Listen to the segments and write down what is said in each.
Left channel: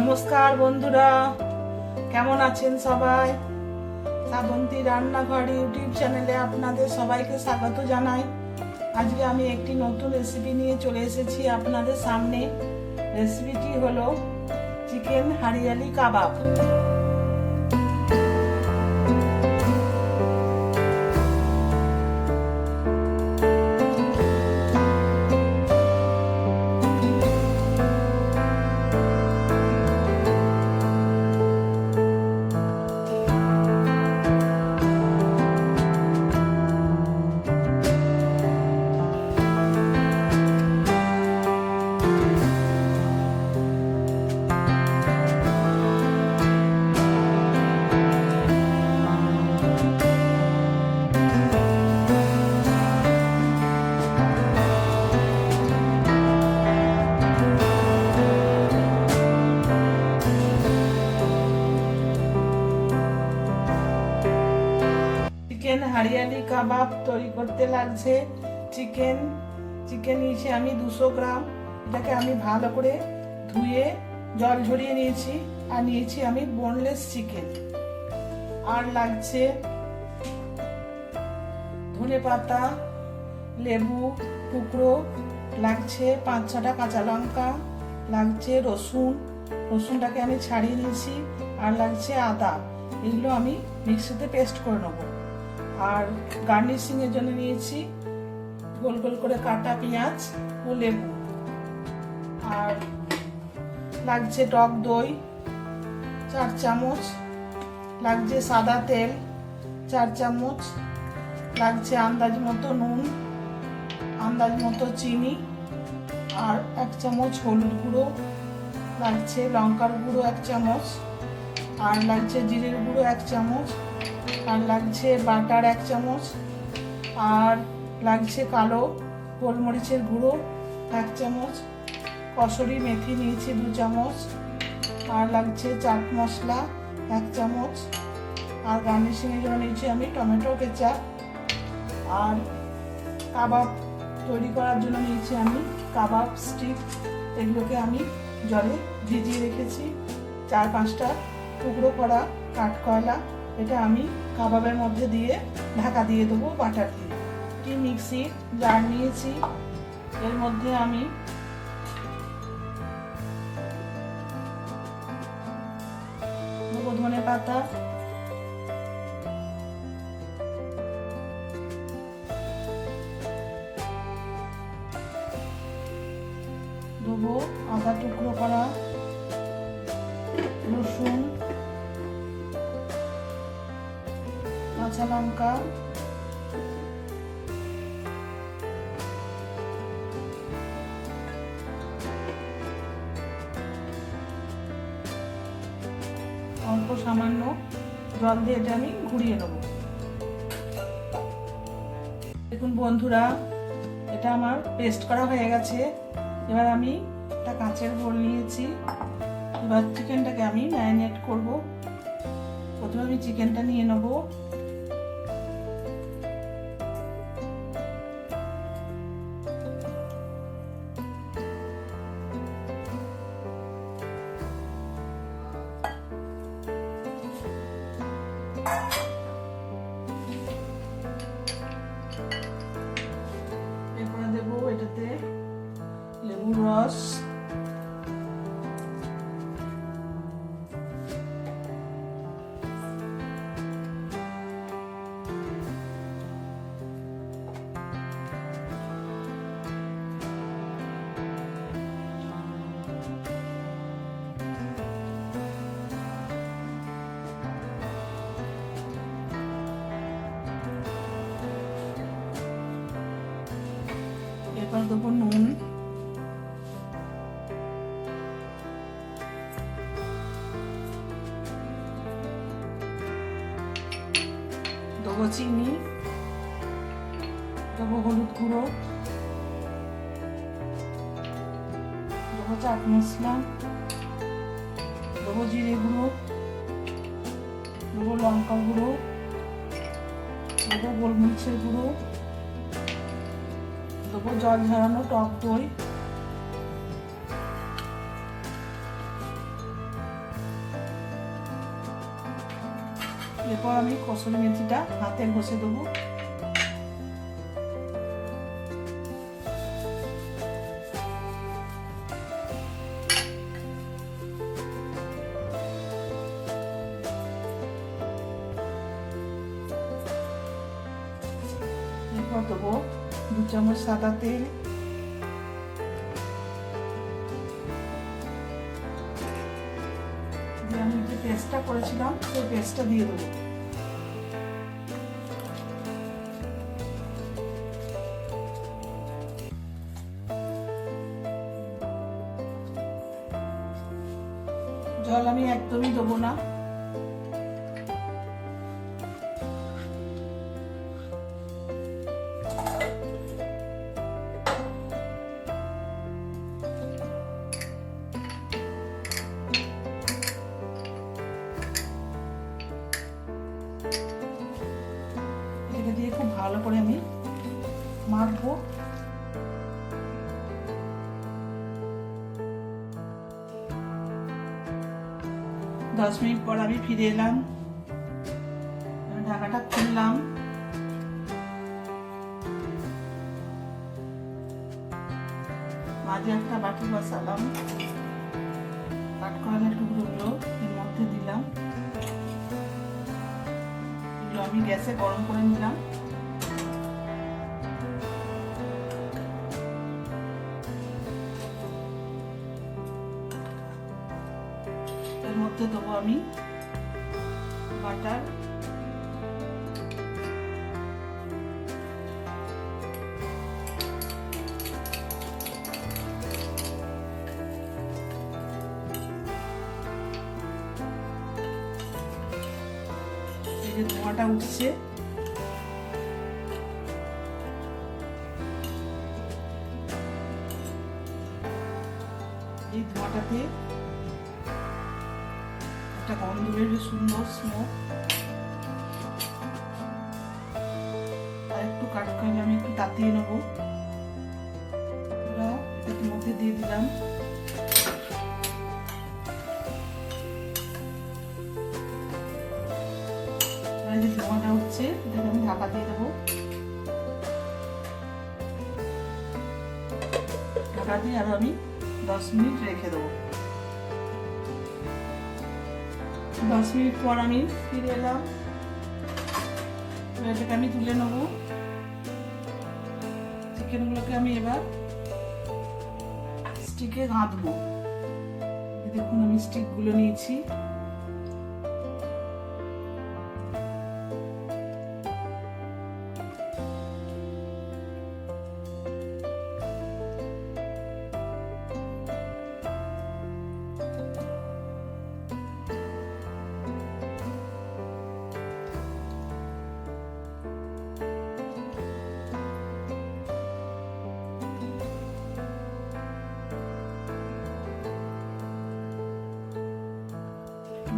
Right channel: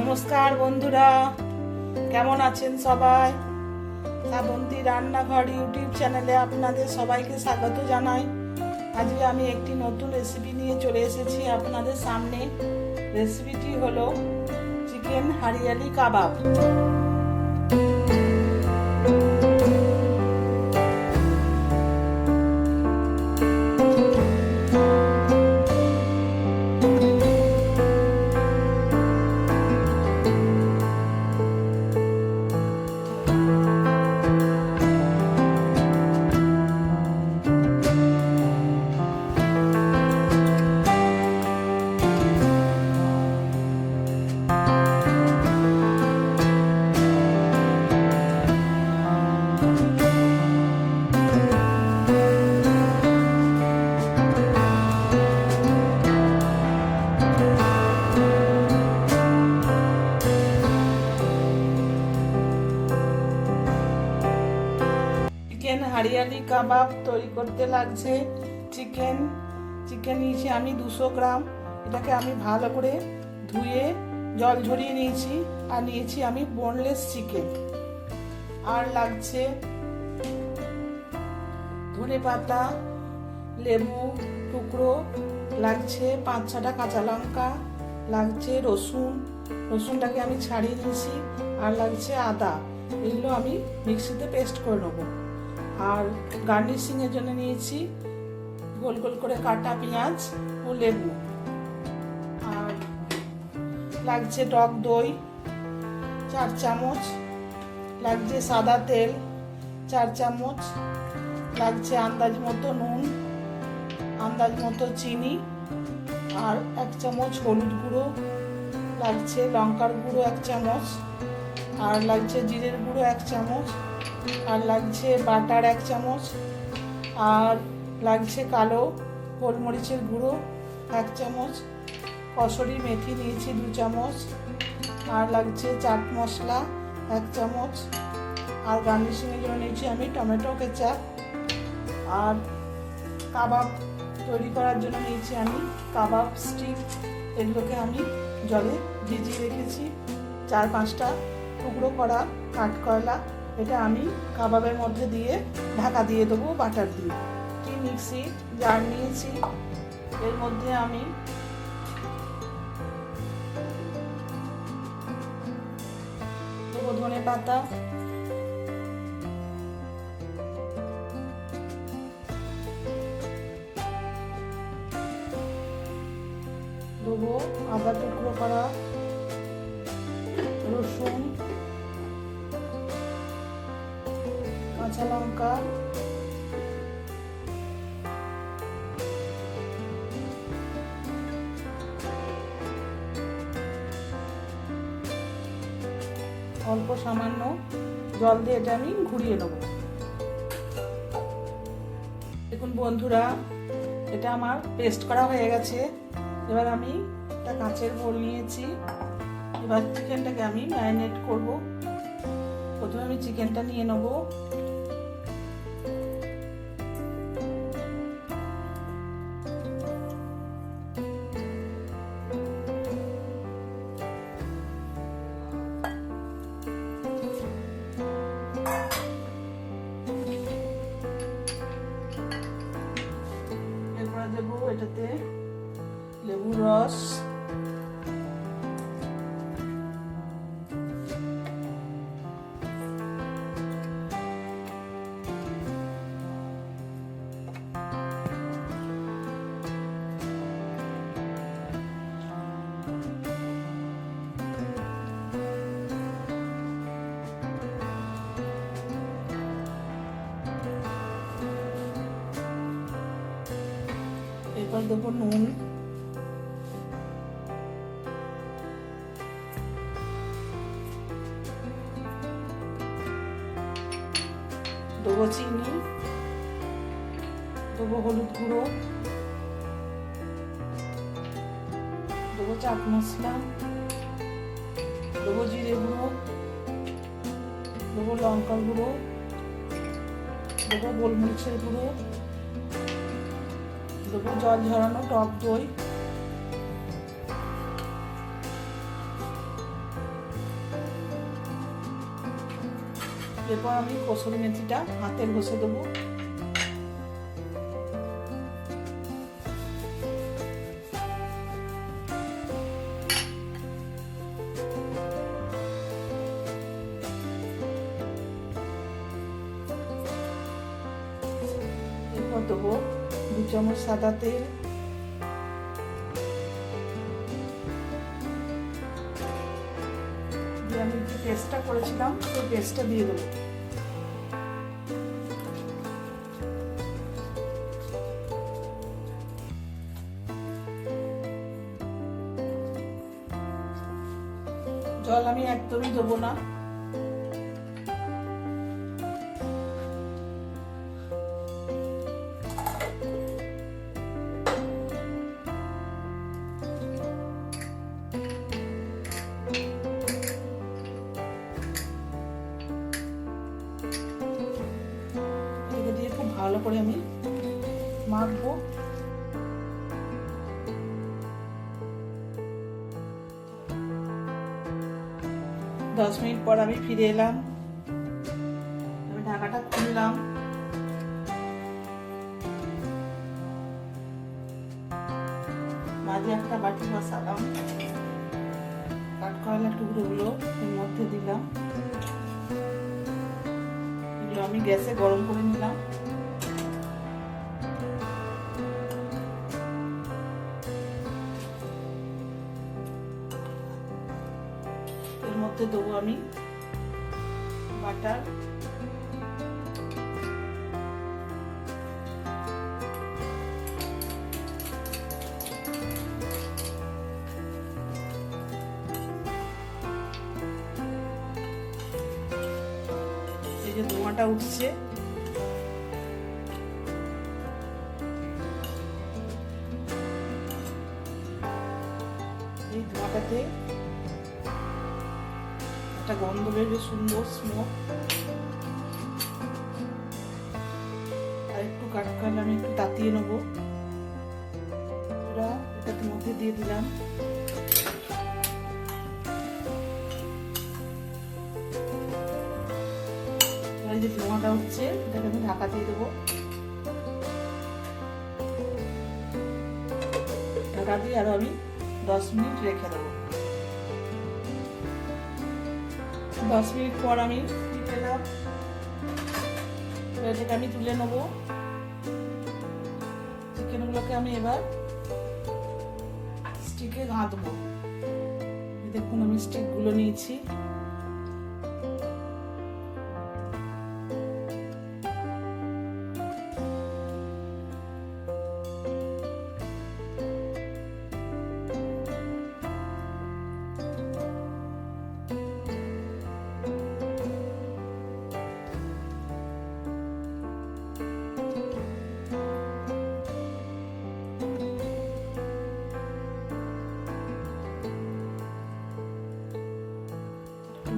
নমস্কার বন্ধুরা, কেমন আছেন সবাই? শ্রাবন্তী রান্নাঘর ইউটিউব চ্যানেলে আপনাদের সবাইকে স্বাগত জানাই। আজকে আমি একটি নতুন রেসিপি নিয়ে চলে এসেছি আপনাদের সামনে। রেসিপিটি হলো চিকেন হারিয়ালি কাবাব। চিকেন হারিয়ালি কাবাব তৈরি করতে লাগছে চিকেন নিয়েছি আমি 200 গ্রাম। এটাকে আমি ভালো করে ধুয়ে জল ঝরিয়ে নিয়েছি। আর নিয়েছি আমি বোনলেস চিকেন। আর লাগছে ধনে পাতা, লেবু টুকরো, লাগছে 5-6টা কাঁচা লঙ্কা, লাগছে রসুনটাকে আমি ছাড়িয়ে নিয়েছি। আর লাগছে আদা। এগুলো আমি মিক্সিতে পেস্ট করে নেবো। আর গার্নিশিং এর জন্য নিয়েছি গোল গোল করে কাটা পেঁয়াজ ও লেবু। আর লাগছে টক দই 4 চামচ, লাগছে সাদা তেল 4 চামচ, লাগছে আন্দাজ মতো নুন, আন্দাজ মতো চিনি, আর 1 চামচ হলুদ গুঁড়ো, লাগছে লঙ্কার গুঁড়ো 1 চামচ, আর লাগছে জিরের গুঁড়ো 1 চামচ, আর লাগছে বাটার 1 চামচ, আর লাগছে কালো গোলমরিচের গুঁড়ো 1 চামচ, কসুরি মেথি নিয়েছি 2 চামচ, আর লাগছে চাট মশলা 1 চামচ, আর গার্নিশিং এর জন্য নিয়েছি আমি টমেটো কেচাপ। আর কাবাব তৈরি করার জন্য নিয়েছি আমি কাবাব স্টিক। এগুলোকে আমি জলে ভিজিয়ে রেখেছি। 4-5টা টুকরো করা কাঠকয়লা। এটা আমি কাবাবের মধ্যে দিয়ে ঢাকা দিয়ে দেবো বাটার দিয়ে। একটি মিক্সি জার নিয়েছি, এর মধ্যে আমি দেবো ধনে পাতা, দেবো আদা টুকরো করা, রসুন, কাঁচা লঙ্কা, অল্প সামান্য জল দিয়ে এটা আমি ঘুরিয়ে নেব। দেখুন বন্ধুরা, এটা আমার পেস্ট করা হয়ে গেছে। এবার আমি একটা কাঁচের বোল নিয়েছি। এবার চিকেনটাকে আমি ম্যারিনেট করব। প্রথমে আমি চিকেনটা নিয়ে নেব। এরপরে দেবো এটাতে লেবুর রস, এরপর দেবো নুন, দেবো চিনি, দেবো হলুদ গুঁড়ো, দেবো চাট মশলা, দেবো জিরে গুঁড়ো, দেবো লঙ্কা গুঁড়ো, দেবো গোলমরিচের গুঁড়ো, দেবো জল ঝরানো টক দই, এরপর আমি কসুরি মেথিটা হাতে ঘষে দেবো। এরপর দেবো 2 চামচ সাদা তেল, দিয়ে আমি যে পেস্টটা করেছিলাম সেই পেস্টটা দিয়ে দেবো। জল আমি একদমই দেবো না। এটা দিয়ে খুব ভালো করে আমি মাখবো। দশ মিনিট পর আমি ফিরে এলাম। আমি ঢাকাটা খুললাম। মাঝে একটা বাটি বসালাম, কাট করালে টুকরোগুলো এর মধ্যে দিলাম। এগুলো আমি গ্যাসে গরম করে নিলাম। এর মধ্যে দেবো আমি বাটার, এই যে ধোঁয়াটা উঠছে, এই ধোঁয়াটাতে একটা গন্ধ বেরোবে, সুন্দর স্মোক। আর একটু কাট করলে আমি একটু তাতিয়ে নেবো। এটার মধ্যে দিয়ে দিলাম। এই যে ধোঁয়াটা হচ্ছে, এটাকে আমি ঢাকা দিয়ে দেবো। ঢাকা দিয়ে আরো আমি 10 মিনিট রেখে দেবো। 10 মিনিট পর আমি ফিরে এলাম। এটাকে আমি তুলে নেবো। চিকেনগুলোকে আমি এবার স্টিকে গাঁথবো। দেখুন আমি স্টিকগুলো নিয়েছি।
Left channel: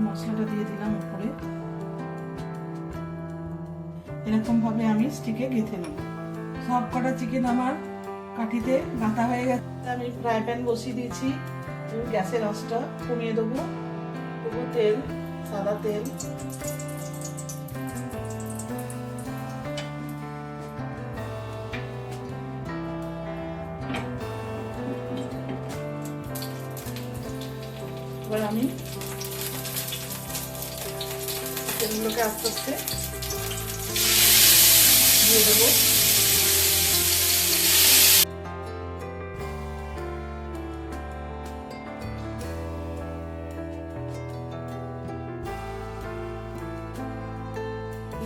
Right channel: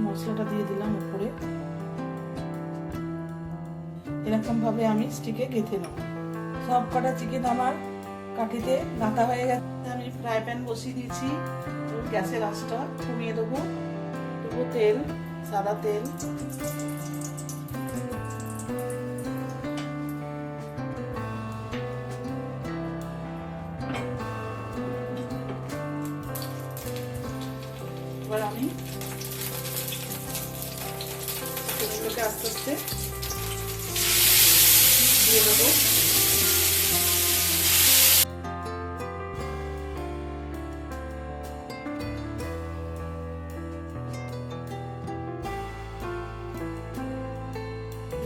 মশলাটা দিয়ে দিলাম উপরে। এরকম ভাবে আমি স্টিকে গেঁথে নেব। সব কটা চিকেন আমার কাঠিতে গাঁথা হয়ে গেছে। আমি ফ্রাই প্যান বসিয়ে দিয়েছি। গ্যাসের আঁচটা কমিয়ে দেবো। দেবো তেল, সাদা তেল। এবার আমি চিকেনগুলোকে আস্তে আস্তে দিয়ে দেবো।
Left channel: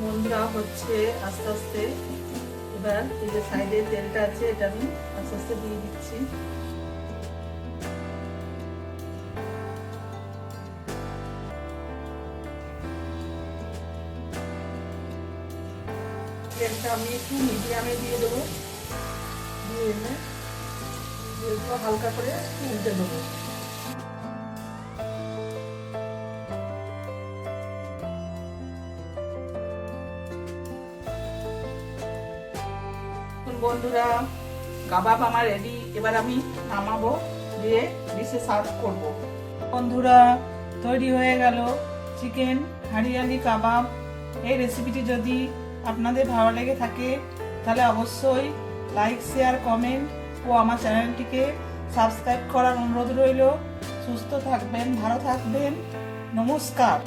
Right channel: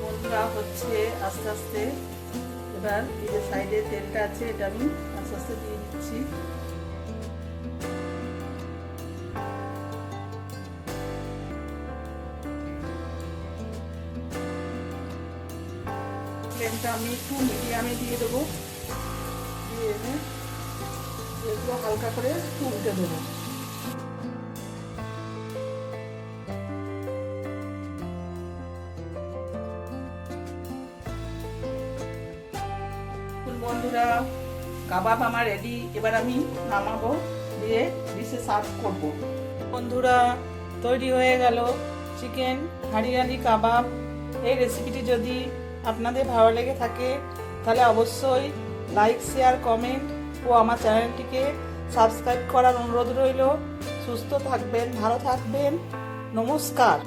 বন্ধুরা হচ্ছে আস্তে আস্তে। এবার এই যে সাইডে তেলটা আছে, এটা আমি আস্তে আস্তে দিয়ে দিচ্ছি। তেলটা আমি একটু মিডিয়ামে দিয়ে দেবো। দিয়ে এনে একটু হালকা করে একটু উল্টে দেবো। বন্ধুরা কাবাব আমার রেডি। এবার আমি নামাবো, দিয়ে ডিশে সার্ভ করব। বন্ধুরা তৈরি হয়ে গেল চিকেন হারিয়ালি কাবাব। এই রেসিপিটি যদি আপনাদের ভালো লেগে থাকে তাহলে অবশ্যই লাইক, শেয়ার, কমেন্ট ও আমার চ্যানেলটিকে সাবস্ক্রাইব করার অনুরোধ রইল। সুস্থ থাকবেন, ভালো থাকবেন। নমস্কার।